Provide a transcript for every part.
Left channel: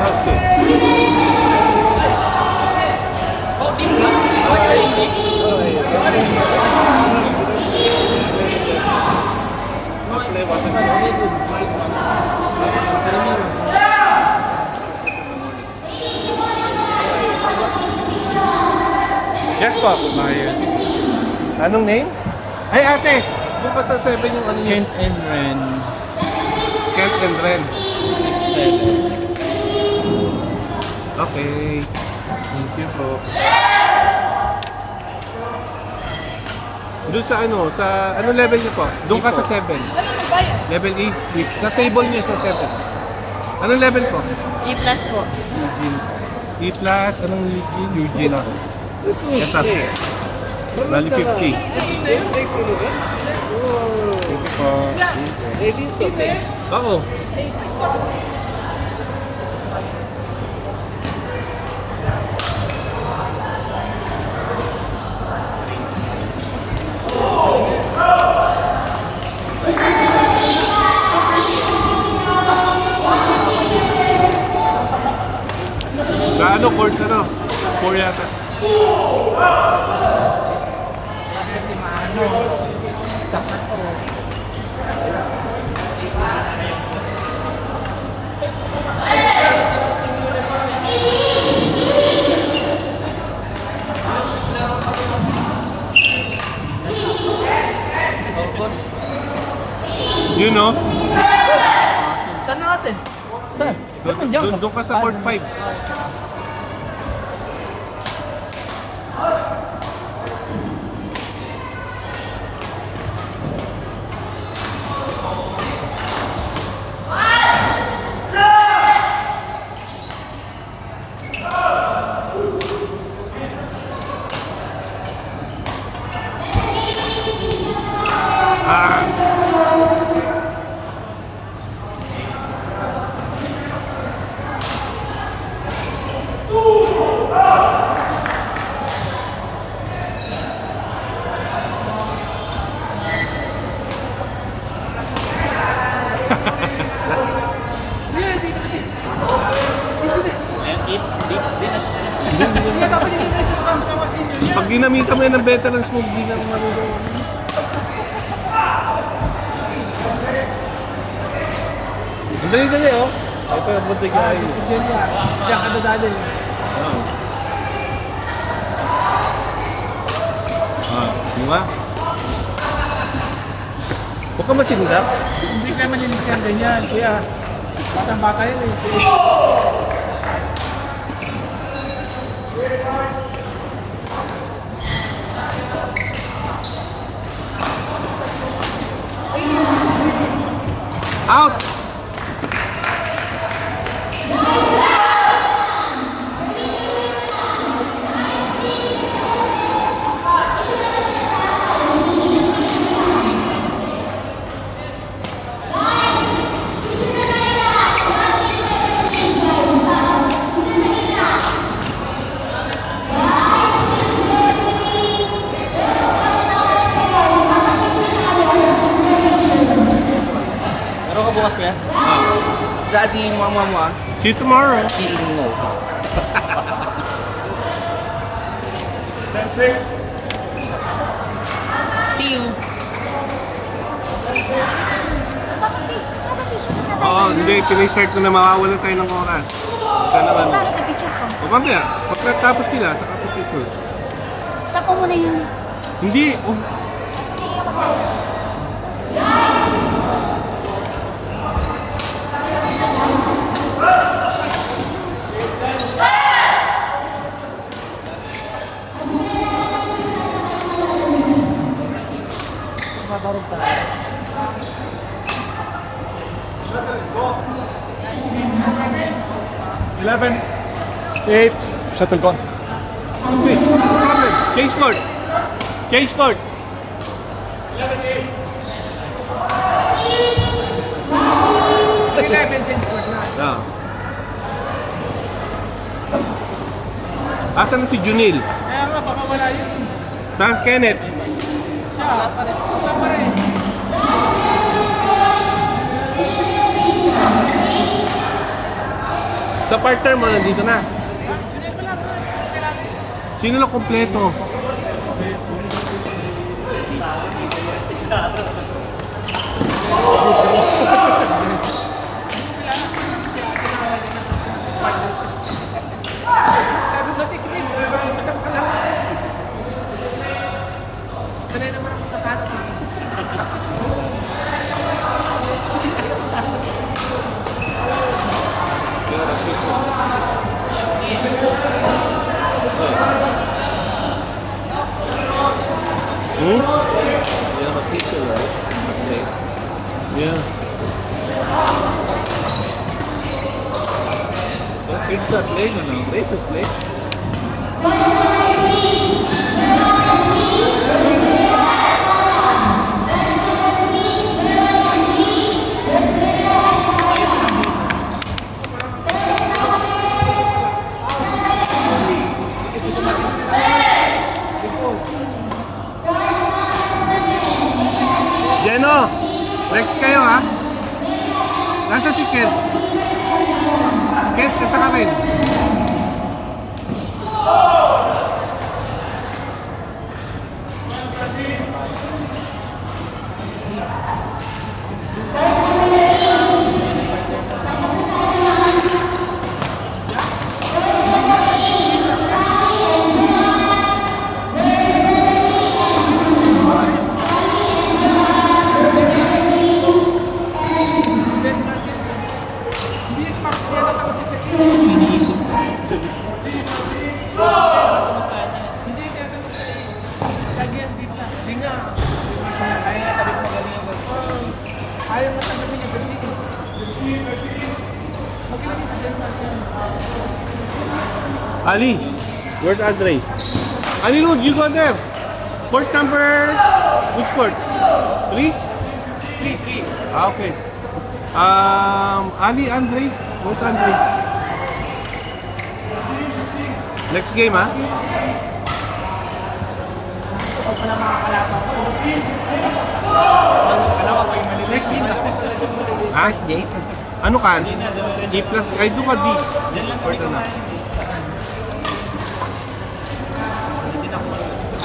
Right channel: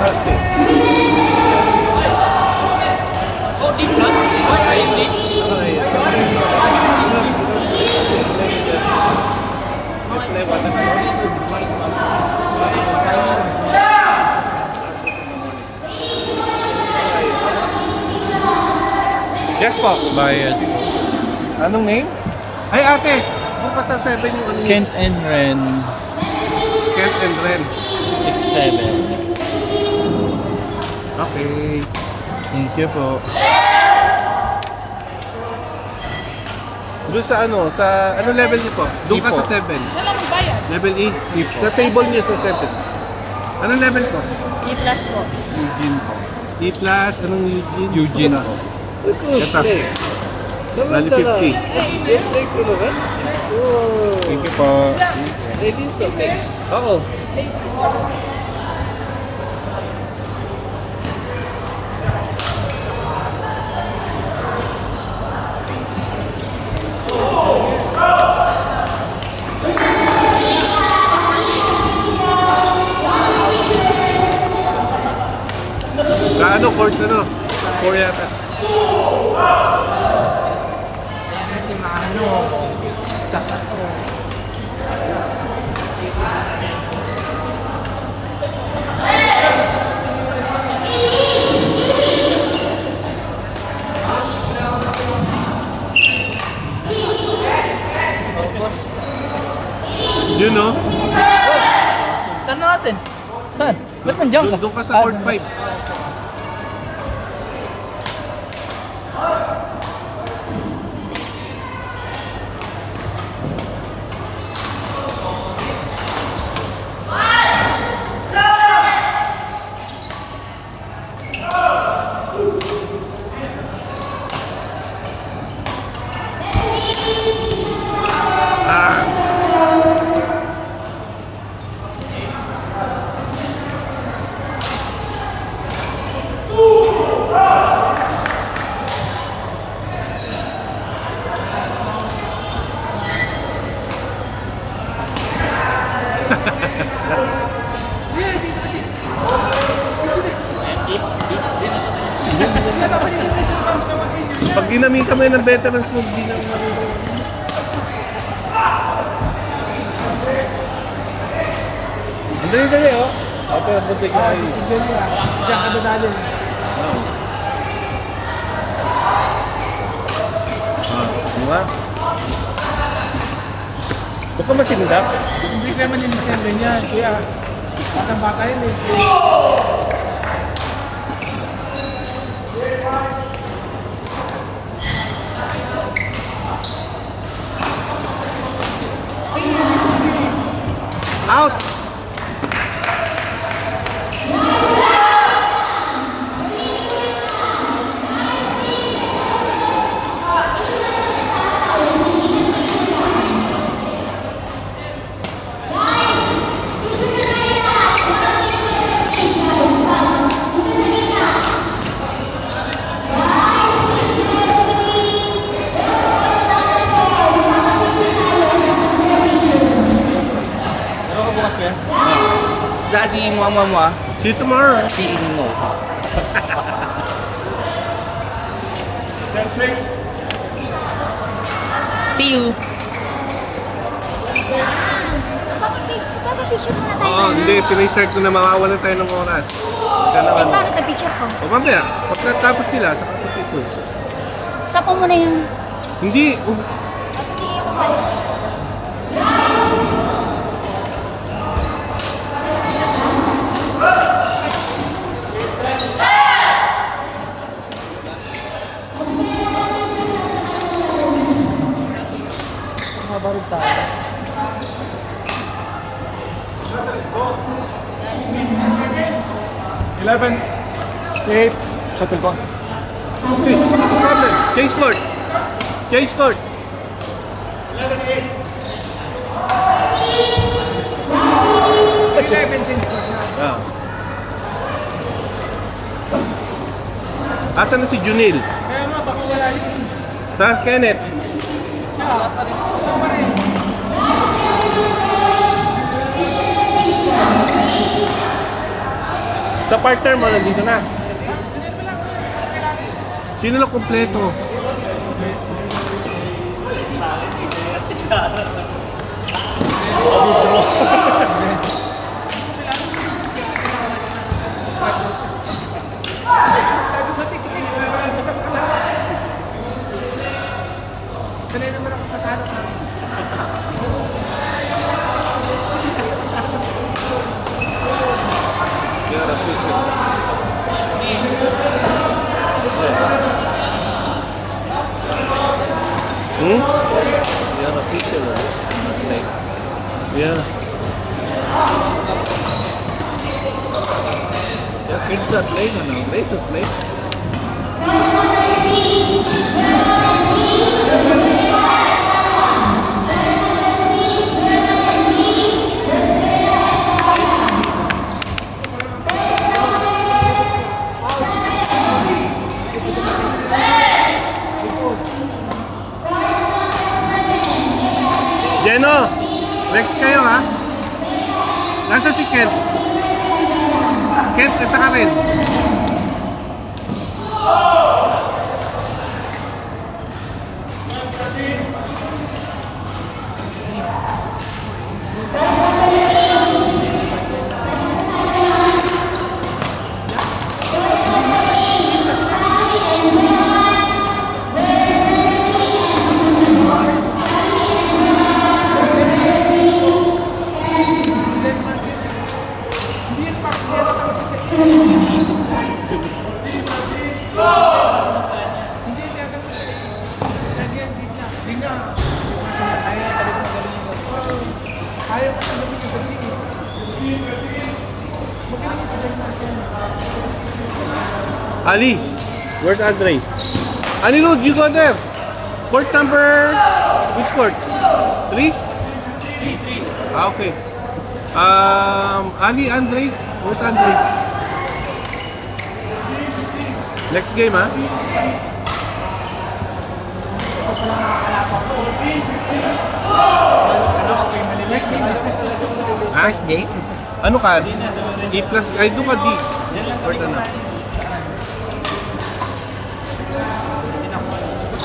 Mercy. Play water. Yes po. Bayan. Anong name? Ay ate, doon pa sa 7 yung ano Kent and Ren. Kent and Ren. 6-7. Okay. Thank you po. Doon sa ano, sa ano level niyo po? Doon ka sa 7. Level E. Sa table niyo sa 7. Anong level po? E plus po. Eugene. E plus, anong Eugene? Eugene. Ito. Rally 50. Thank you po. Ready so next. Oo. Sa ano, court ano? Four yata. Si Mano. Saka to. You know? Saan natin? Saan? Ba't nandiyan ka? Doon ka sa court 5. Pag dinamit kami ng veterans mo, di na ang dali-dali oh. Ito, butik na kayo. Diyan ka dadali. Diba? Huwag ka masinda. Hindi kayo malinis yan ganyan. Kaya, batang-bata yun eh. Out! Bukas ko yan? Sa ating mama mo ah. See you tomorrow. See you no. 10-6. See you. Oo, hindi. Pinay-start ko na mawawalan tayo ng oras. Bakit ang picture ko? O mamaya, pagkatapos nila, saka pag-picture. Stop mo muna yung... Hindi. Eight. Shuttle ko. Okay, no problem. Change court. Change court. 11-8. 11 change court na. Asan na si Junil? Kaya nga, baka wala yun. Saan Kenneth? Siya, wala pa rin. Sa partner mo, nandito na. Sino lang kompleto? You're official, right? Not late. Yeah. Your kids are playing or no? Grace is playing. Jeno, next kayo ha. Nasa si Kent? Kent, nasa ka rin? Ali, where's Andre? Ali, look, you go there. Court number, which court? 3? 3-3. Ah, okay. Ali, Andre, where's Andre? Next game, ha? First game? Ano ka? D plus, ay doon ka D. Or na.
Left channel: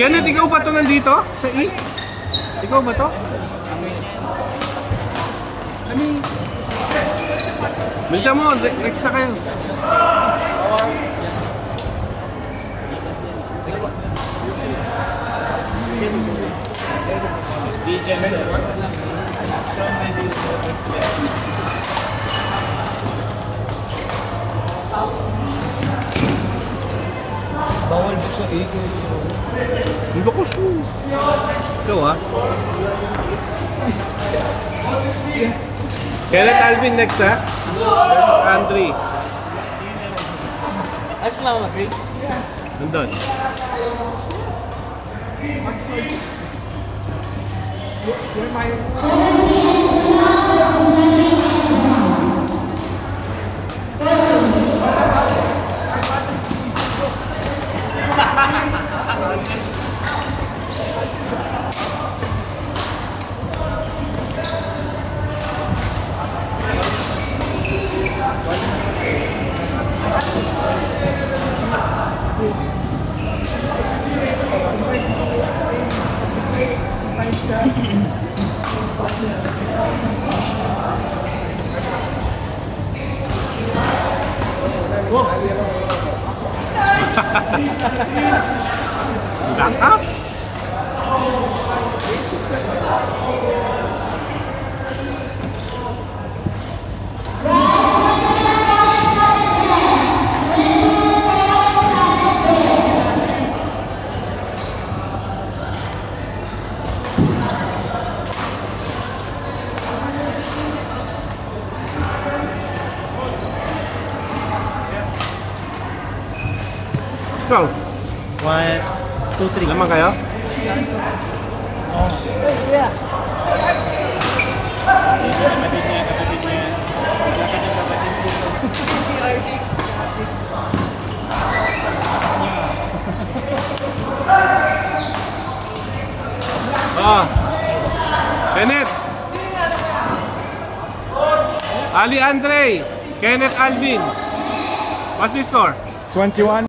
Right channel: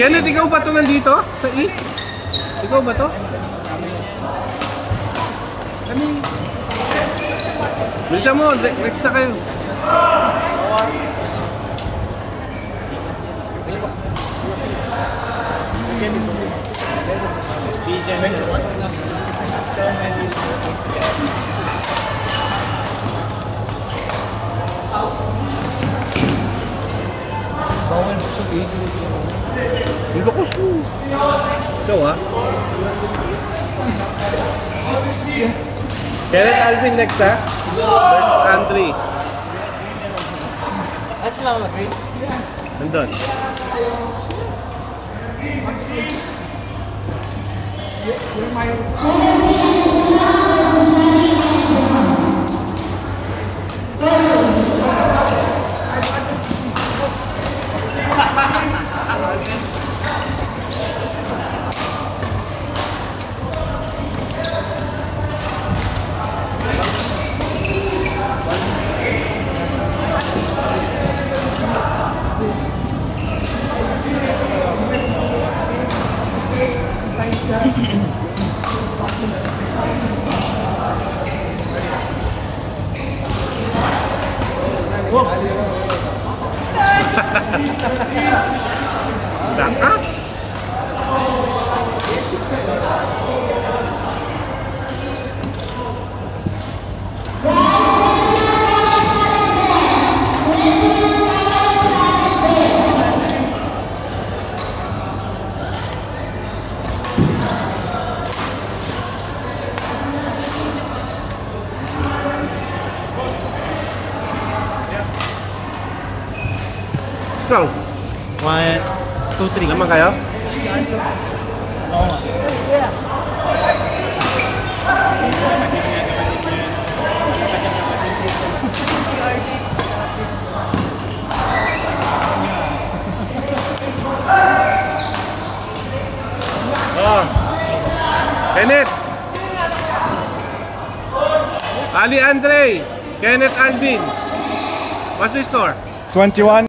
Kenneth, ikaw ba ito nandito? Sa E? Ikaw ba ito? Bilisan mo, next na kayo. Ang lakas mo. Ito ah. Kenneth Alvin next ha? Versus Andre. Ayos lang ako, Grace. Nandun. Strong. 1, 2, 3. Naman kayo? Oh. Kenneth. Ali Andre. Kenneth Alvin. What's the score? 21.